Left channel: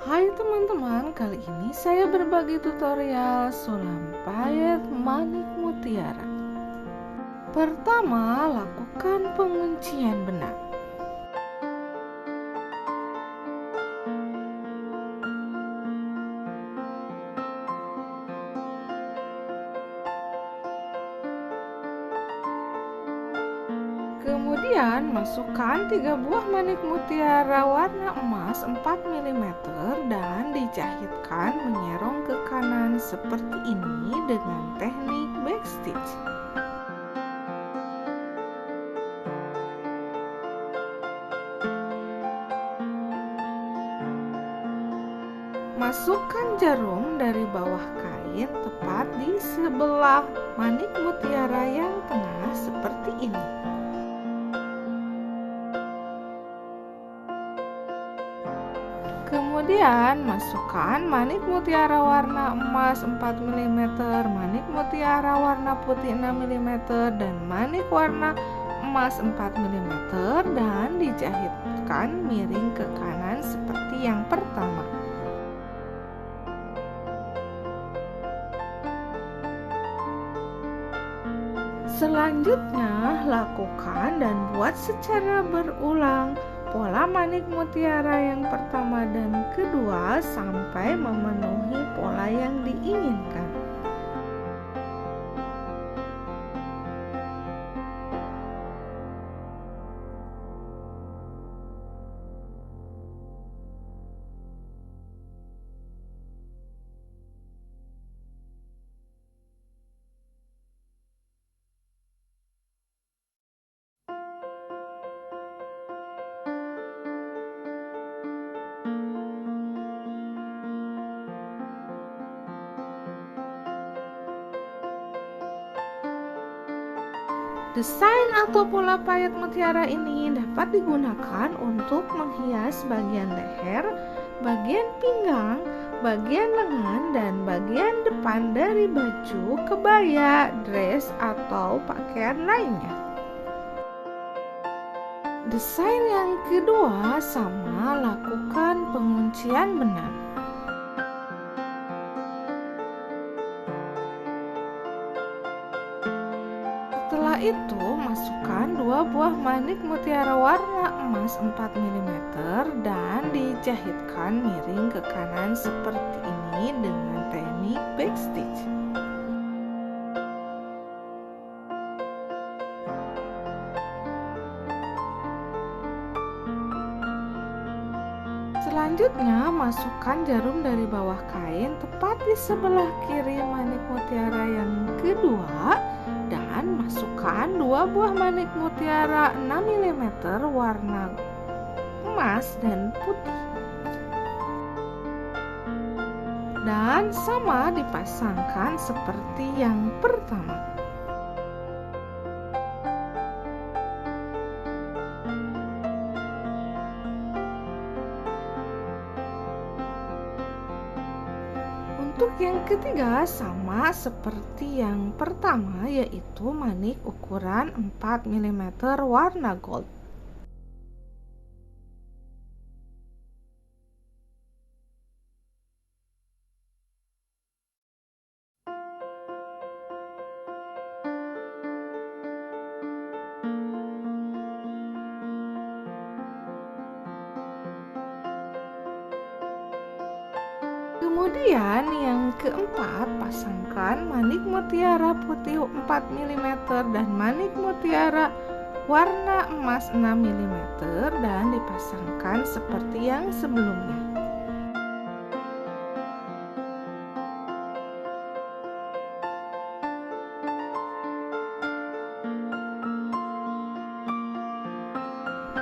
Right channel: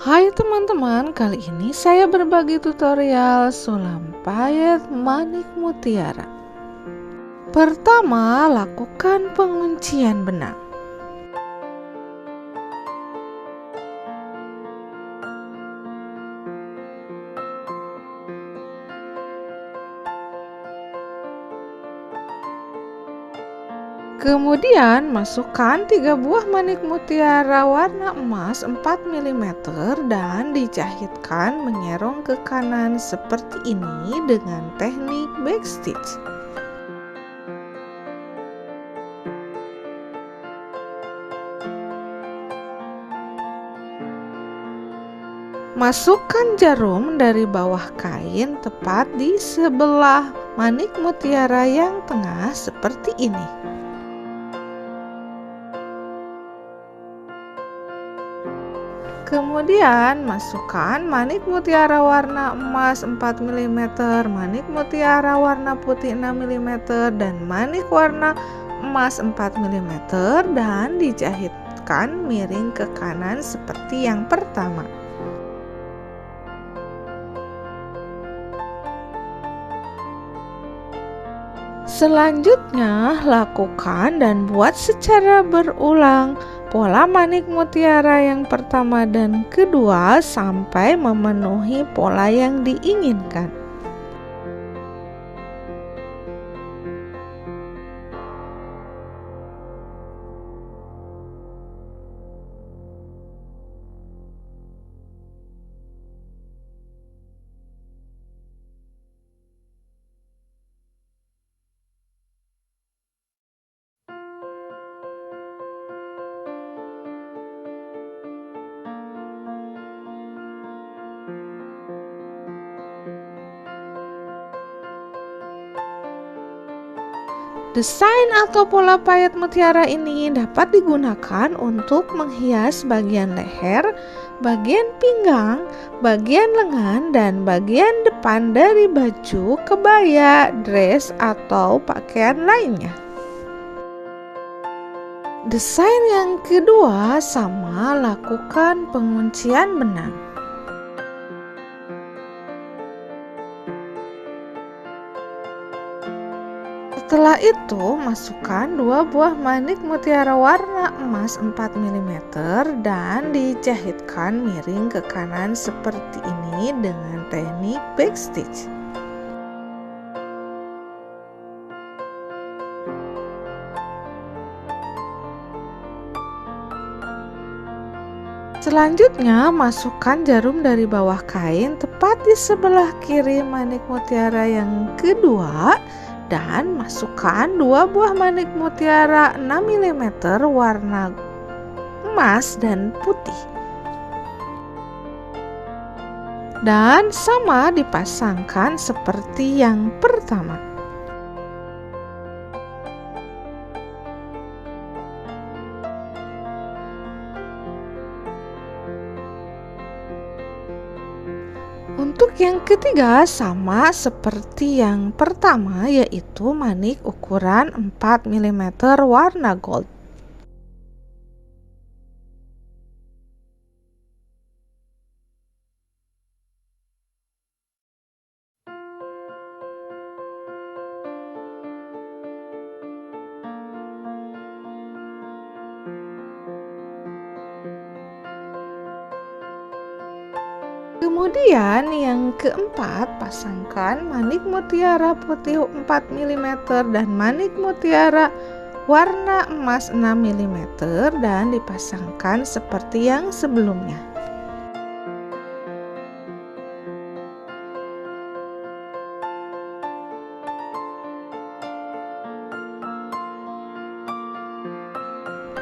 Hai teman-teman, kali ini saya berbagi tutorial sulam payet manik mutiara. Pertama, lakukan penguncian benang. Kemudian masukkan 3 buah manik mutiara warna emas 4 mm dan dijahitkan menyerong ke kanan seperti ini dengan teknik backstitch. Masukkan jarum dari bawah kain tepat di sebelah manik mutiara yang tengah seperti ini. Kemudian masukkan manik mutiara warna emas 4 mm, manik mutiara warna putih 6 mm, dan manik warna emas 4 mm dan dijahitkan miring ke kanan seperti yang pertama. Selanjutnya, lakukan dan buat secara berulang pola manik mutiara yang pertama dan kedua sampai memenuhi pola yang diinginkan. Desain atau pola payet mutiara ini dapat digunakan untuk menghias bagian leher, bagian pinggang, bagian lengan, dan bagian depan dari baju, kebaya, dress, atau pakaian lainnya. Desain yang kedua sama, lakukan penguncian benang. Setelah itu, masukkan 2 buah manik mutiara warna emas 4 mm dan dijahitkan miring ke kanan seperti ini dengan teknik backstitch. Selanjutnya, masukkan jarum dari bawah kain tepat di sebelah kiri manik mutiara yang kedua dan masukkan 2 buah manik mutiara 6 mm warna emas dan putih. Dan sama dipasangkan seperti yang pertama. Untuk yang ketiga sama seperti yang pertama, yaitu manik ukuran 4 mm warna gold. Kemudian yang keempat, pasangkan manik mutiara putih 4 mm dan manik mutiara warna emas 6 mm dan dipasangkan seperti yang sebelumnya.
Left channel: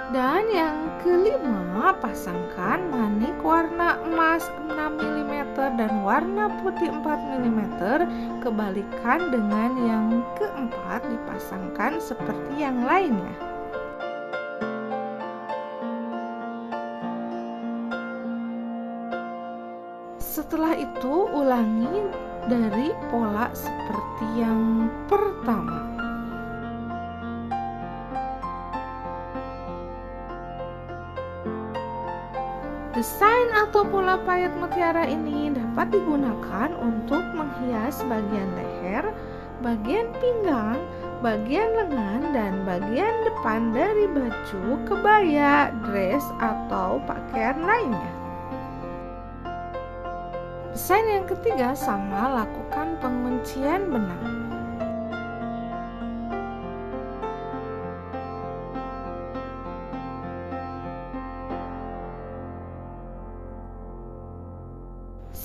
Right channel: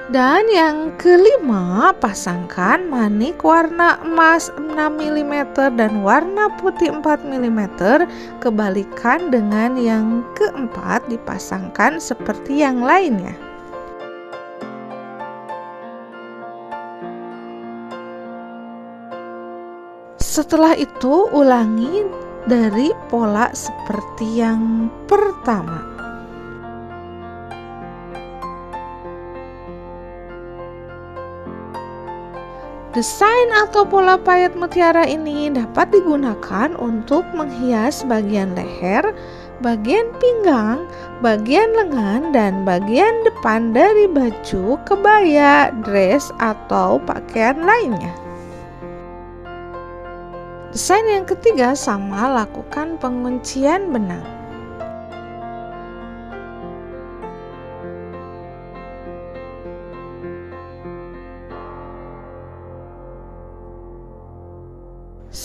Dan yang kelima, pasangkan manik warna emas 6 mm dan warna putih 4 mm, kebalikan dengan yang keempat dipasangkan seperti yang lainnya. Setelah itu, ulangi dari pola seperti yang pertama. Desain atau pola payet mutiara ini dapat digunakan untuk menghias bagian leher, bagian pinggang, bagian lengan, dan bagian depan dari baju, kebaya, dress, atau pakaian lainnya. Desain yang ketiga sama, lakukan penguncian benang.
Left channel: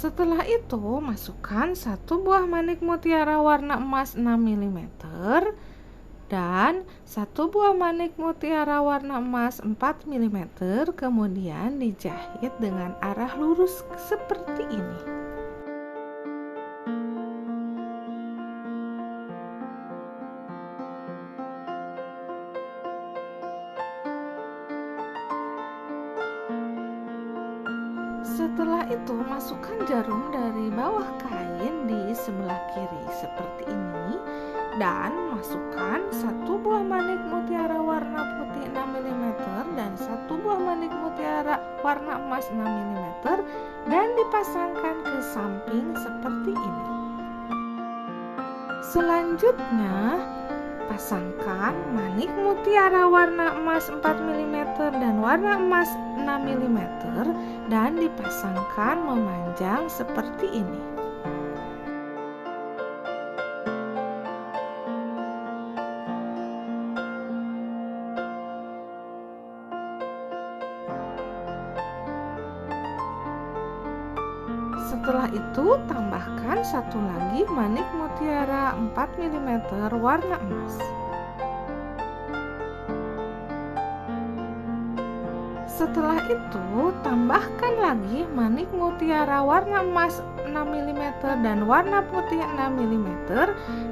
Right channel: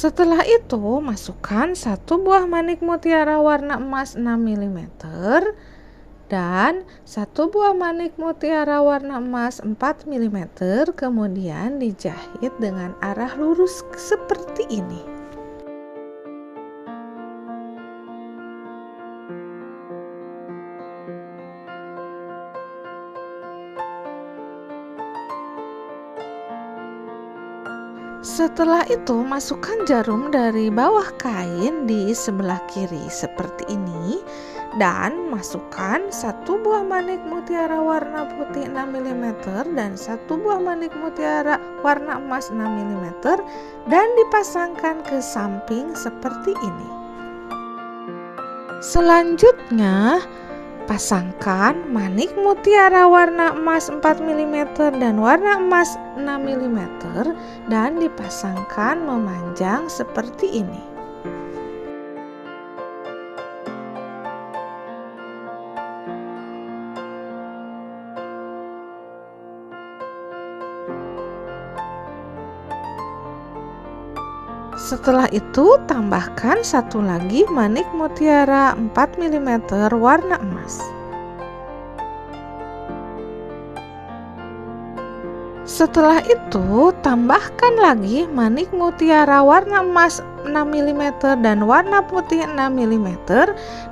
Setelah itu, masukkan satu buah manik mutiara warna emas 6 mm dan satu buah manik mutiara warna emas 4 mm, kemudian dijahit dengan arah lurus seperti ini. Setelah itu, masukkan jarum dari bawah kain di sebelah kiri seperti ini dan masukkan satu buah manik mutiara warna putih 6 mm dan satu buah manik mutiara warna emas 6 mm dan dipasangkan ke samping seperti ini. Selanjutnya, pasangkan manik mutiara warna emas 4 mm dan warna emas 6 mm dan dipasangkan memanjang seperti ini. Setelah itu, tambahkan satu lagi manik mutiara 4 mm warna emas. Setelah itu, tambahkan lagi manik mutiara warna emas 6 mm dan warna putih 6 mm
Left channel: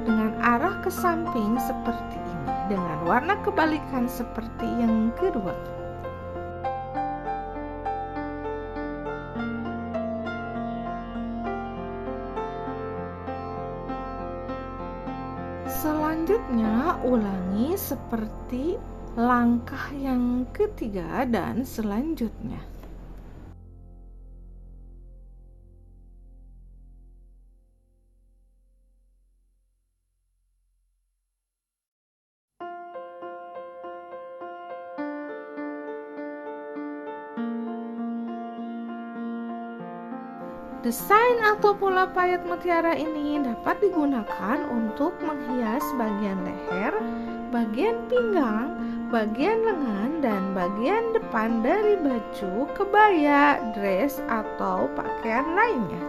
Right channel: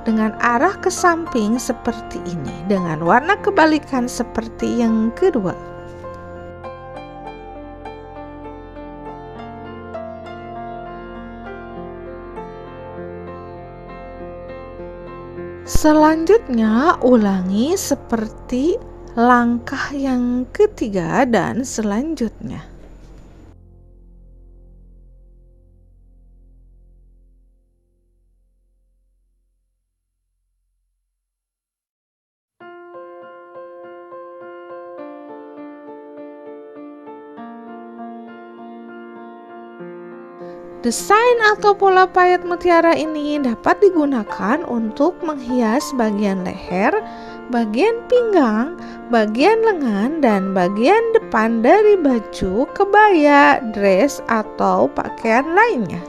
dengan arah ke samping seperti ini, dengan warna kebalikan seperti yang kedua. Selanjutnya, ulangi seperti langkah yang ketiga dan selanjutnya. Desain atau pola payet mutiara ini dapat digunakan untuk menghias bagian leher, bagian pinggang, bagian lengan, dan bagian depan dari baju, kebaya, dress, atau pakaian lainnya.